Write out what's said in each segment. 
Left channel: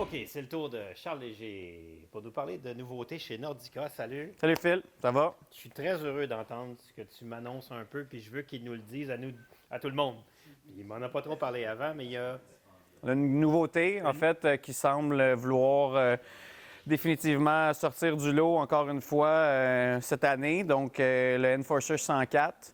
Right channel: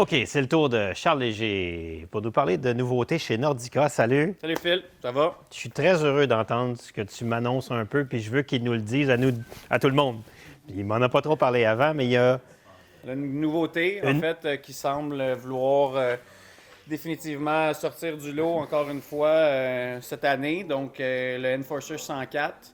OK, c'est le tour de Charles Léger pour nous parler de nouveautés chez Nordica. Salut! Salut Phil, ça va? Je suis très heureux d'entendre ce que tu m'annonces un peu, puis je veux qu'il nous le dise à nous, à tout le monde. Il m'en a pas trop parlé avant, mais il y a... On a une nouveauté, en fait, qui semble vouloir définitivement sortir du lot encore une fois cette année. Donc, le Enforcer 104.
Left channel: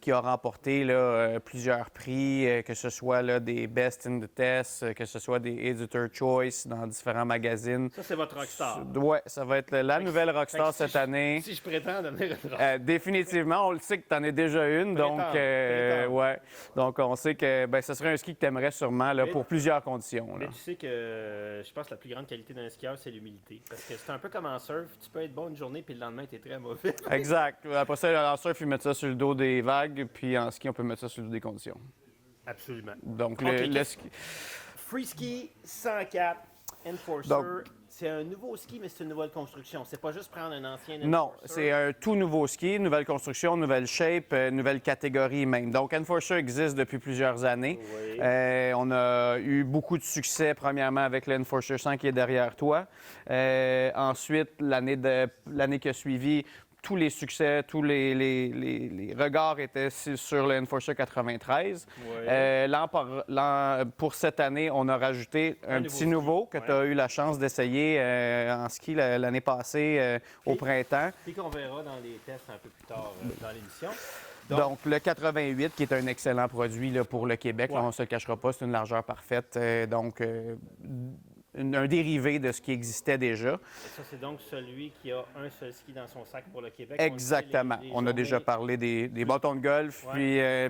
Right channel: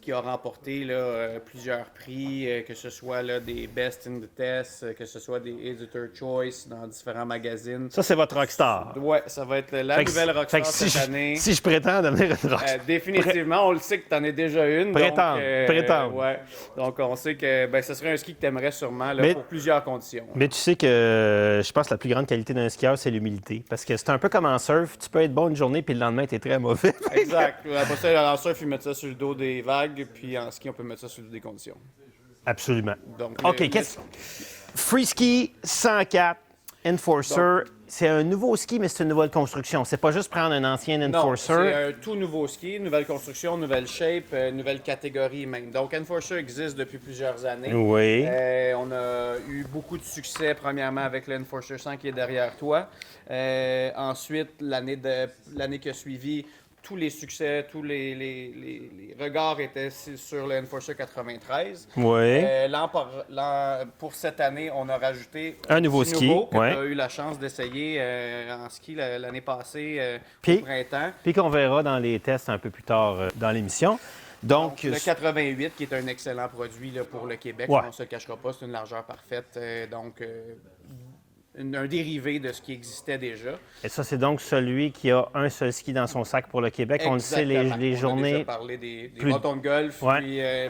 Qui a remporté là, plusieurs prix, que ce soit là, des Best in the Test, que ce soit des Editor Choice dans différents magazines. Ça, c'est votre rockstar. Ouais, ça va être la nouvelle rockstar si cette année. Si je prétends devenir une rockstar. Définitivement, on le sait que tu en as déjà une. Prétends. Ouais. Donc, on sait que ce serait un ski que tu aimerais sûrement là, pour plusieurs conditions. Mais tu sais que je pense que la plus grande qualité d'un skieur, c'est l'humilité. Parce que c'est un peu comme en surf. Tu peux être bon une journée, puis le lendemain, tu es très mauvais. Exact. Après ça, en surf, ils mettent ça sur le dos des vagues, puis en ski, on peut mettre ça sur le dos des conditions. Absolument. Donc, OK, Free Ski 104 Enforcer, c'est un nouveau ski, mais c'est une nouvelle construction. C'est pas juste prendre un ancien Enforcer. Non, c'est un tout nouveau ski, nouvelle construction, nouvelle shape, nouvelle catégorie même. Donc, Enforcer existe depuis plusieurs années. Oui. On a eu beaucoup de succès, premièrement, avec le Enforcer 100 qui est derrière toi. Ensuite, l'année qui a suivi, tous les succès, tous les regards étaient sur le Enforcer 93. Oui. Pour cette année, on a rajouté un nouveau ski que tu as eu la chance d'essayer en ski l'année passée au printemps. Puis qu'on verra dans les tests un peu plus tard dans l'émission. Donc, le 88, qui est un excellent produit là, pour le Québec, on ne se le cachera pas, c'est une largeur parfaite. Un dérivé de ce qui existait déjà. Et ça, c'est donc celui qui a un seul ski dans son sac pour le Québec. Exactement. On le sait, les journées... On a déjà parlé des bâtons de golf,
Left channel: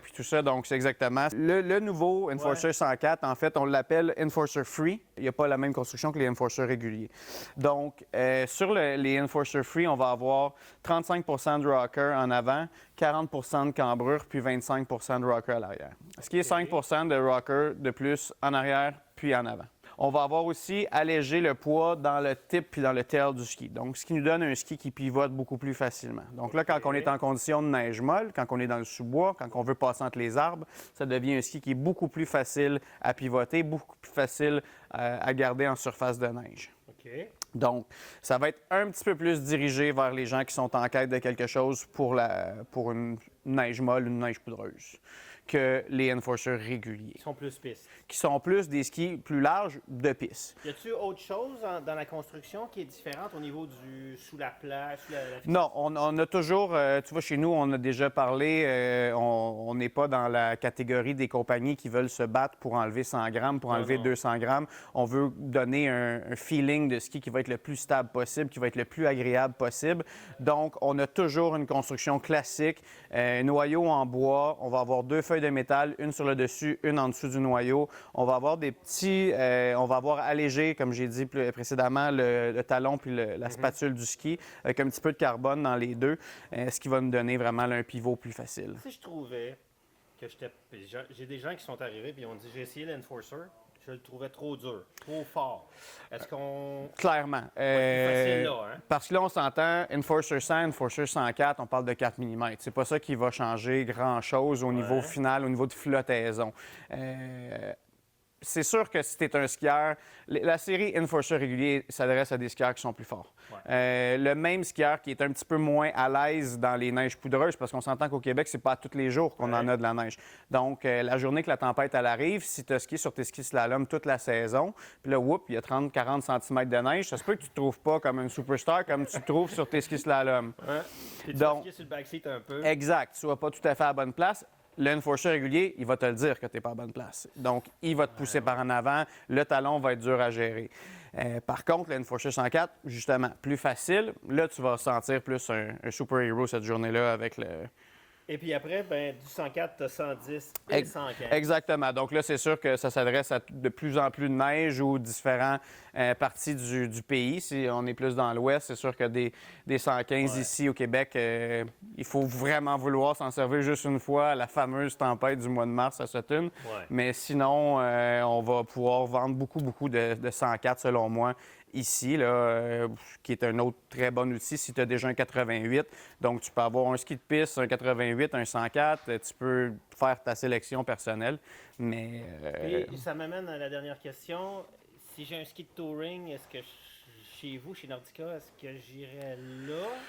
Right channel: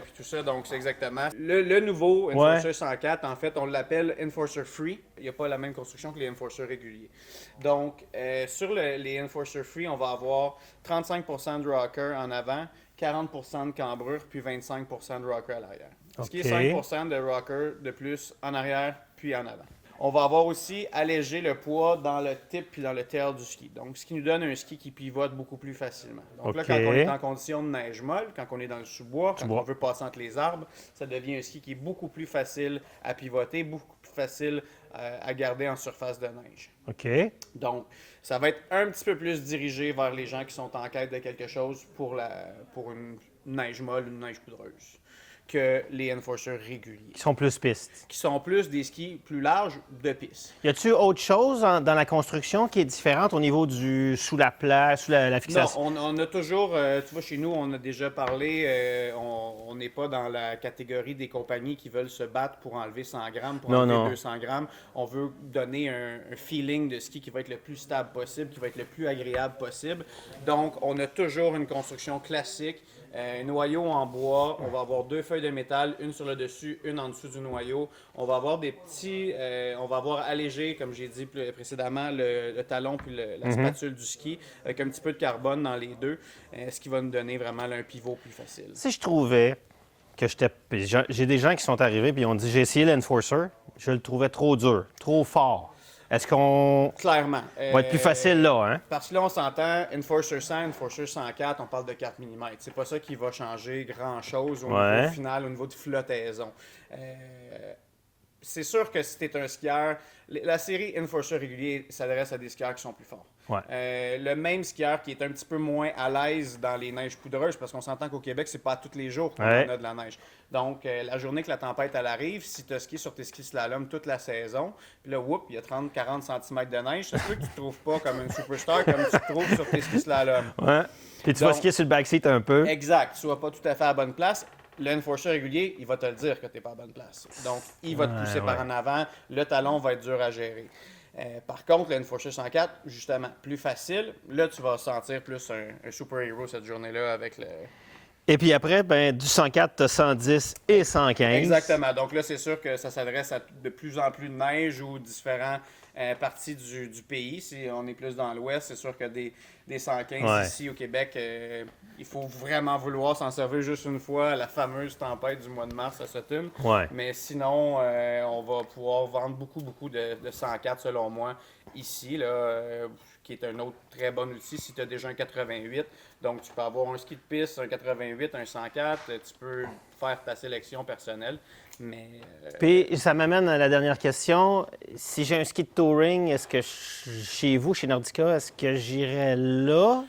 puis tout ça, donc c'est exactement. Le nouveau Enforcer 104, en fait, on l'appelle Enforcer Free. Il n'y a pas la même construction que les Enforcer réguliers. Donc, sur les Enforcer Free, on va avoir 35 de rocker en avant, 40 de cambrure, puis 25 de rocker à l'arrière. Ce qui est 5 de rocker de plus en arrière, puis en avant. On va avoir aussi allégé le poids dans le tip puis dans le tail du ski. Donc, ce qui nous donne un ski qui pivote beaucoup plus facilement. Donc là, quand on est en condition de neige molle, quand on est dans le sous-bois, quand on veut passer entre les arbres, ça devient un ski qui est beaucoup plus facile à pivoter, beaucoup plus facile à garder en surface de neige. OK. Donc, ça va être un petit peu plus dirigé vers les gens qui sont en quête de quelque chose pour une neige molle, une neige poudreuse, que les Enforcers réguliers. Qui sont plus pistes. Qui sont plus des skis plus larges de piste. Y a-t-il autre chose dans la construction qui est différente au niveau du sous la fixation? Non, on a toujours, tu vois, chez nous, on a déjà parlé, on n'est pas dans la catégorie des compagnies qui veulent se battre pour enlever 100 grammes, pour enlever 200 grammes. On veut donner un feeling de ski qui va être le plus stable possible, qui va être le plus agréable possible. Donc, on a toujours une construction classique, un noyau en bois, on va avoir 2 feuilles de métal, une sur le dessus, une en dessous du noyau. On va avoir on va avoir allégé, comme j'ai dit précédemment, le talon puis la spatule du ski, avec un petit peu de carbone dans les deux, ce qui va nous donner vraiment là, un pivot plus facile. Si je trouvais que j'ai des gens qui sont arrivés et ont dit j'ai essayé l'Enforcer, je le trouvais trop dur, trop fort. Est-ce qu'on Clairement. va être plus facile là, hein? Parce que là, on s'entend, Enforcer 100, Enforcer 104, on parle de 4 mm. C'est pas ça qui va changer grand-chose au niveau final, au niveau de flottaison. C'est sûr que si tu es un skieur, la série Enforcer régulier s'adresse à des skieurs qui sont plus forts. Le même skieur qui est un petit peu moins à l'aise dans les neiges poudreuses, parce qu'on s'entend qu'au Québec, c'est pas tous les jours qu'on en a de la neige. Donc, la journée que la tempête elle arrive, si tu as skié sur tes skis slalom toute la saison, puis là, il y a 30-40 cm de neige, ça se peut que tu te trouves pas comme une superstar comme tu te trouves sur tes skis slalom. Puis tu vas skier sur le backseat un peu. Exact. Tu vas pas tout à fait à la bonne place. L'Enforcer régulier, il va te le dire que tu n'es pas à bonne place. Donc, il va te pousser par en avant. Le talon va être dur à gérer. Par contre, l'Enforcer 104, justement, plus facile. Là, tu vas sentir plus un super-héros cette journée-là avec le... Et puis après, du 104, tu as 110 et 115. Exactement. Donc là, c'est sûr que ça s'adresse à de plus en plus de neige ou différentes parties du pays. Si on est plus dans l'ouest, c'est sûr que des 115 ici au Québec... il faut vraiment vouloir s'en servir juste une fois à la fameuse tempête du mois de mars à Sutton. Mais sinon, on va pouvoir vendre beaucoup de 104 selon moi ici, là, qui est un autre très bon outil si tu as déjà un 88. Donc, tu peux avoir un ski de piste, un 88, un 104. Tu peux faire ta sélection personnelle. Mais, Puis, ça m'amène à la dernière question. Si j'ai un ski de touring, est-ce que chez vous, chez Nordica, est-ce que j'irais là?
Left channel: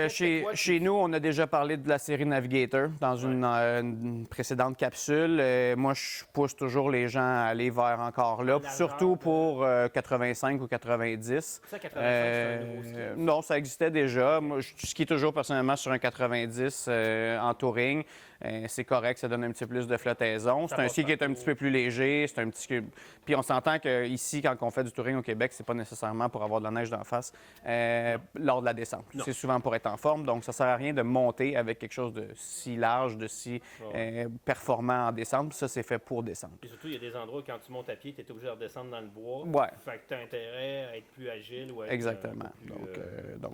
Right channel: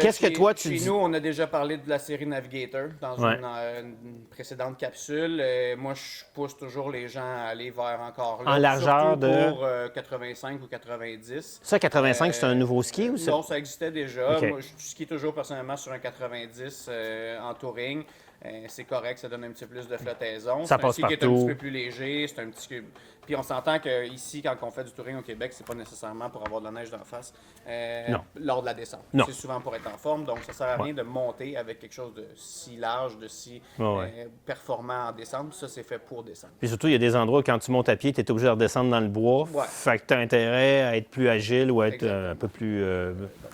Qu'est-ce que toi, tu dis? Nous, on a déjà parlé de la série Navigator dans une précédente capsule. Moi, je pousse toujours les gens à aller vers encore là. En largeur surtout pour 85 ou 90. Ça, 85, c'est un nouveau ski ou ça? Non, ça existait déjà. Okay. Moi, je skie toujours personnellement sur un 90 en touring. C'est correct, ça donne un petit peu plus de flottaison. C'est un ski qui est un petit peu plus léger. C'est un petit... Puis on s'entend qu'ici, quand on fait du touring au Québec, c'est pas nécessairement pour avoir de la neige d'en face lors de la descente. C'est souvent pour être en forme. Donc, ça sert à rien de monter avec quelque chose de si large, de si performant en descente. Ça, c'est fait pour descendre. Puis surtout, il y a des endroits où quand tu montes à pied, tu es obligé de redescendre dans le bois. Fait que tu as intérêt à être plus agile ou à être un peu plus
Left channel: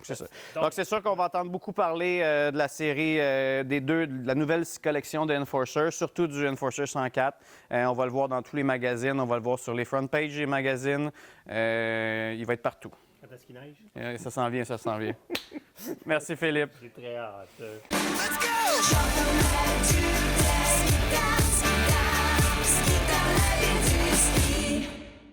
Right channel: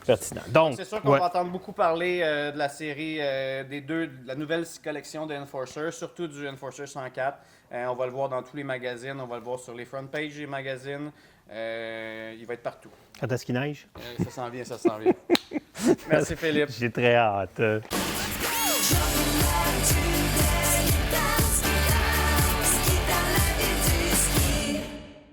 pertinent. Donc, c'est sûr qu'on va entendre beaucoup parler de la série de la nouvelle collection de Enforcer, surtout du Enforcer 104. On va le voir dans tous les magazines, on va le voir sur les front pages des magazines. Il va être partout. Quand est-ce qu'il neige? Ça s'en vient, ça s'en vient. Merci Philippe. J'ai très hâte. Let's go!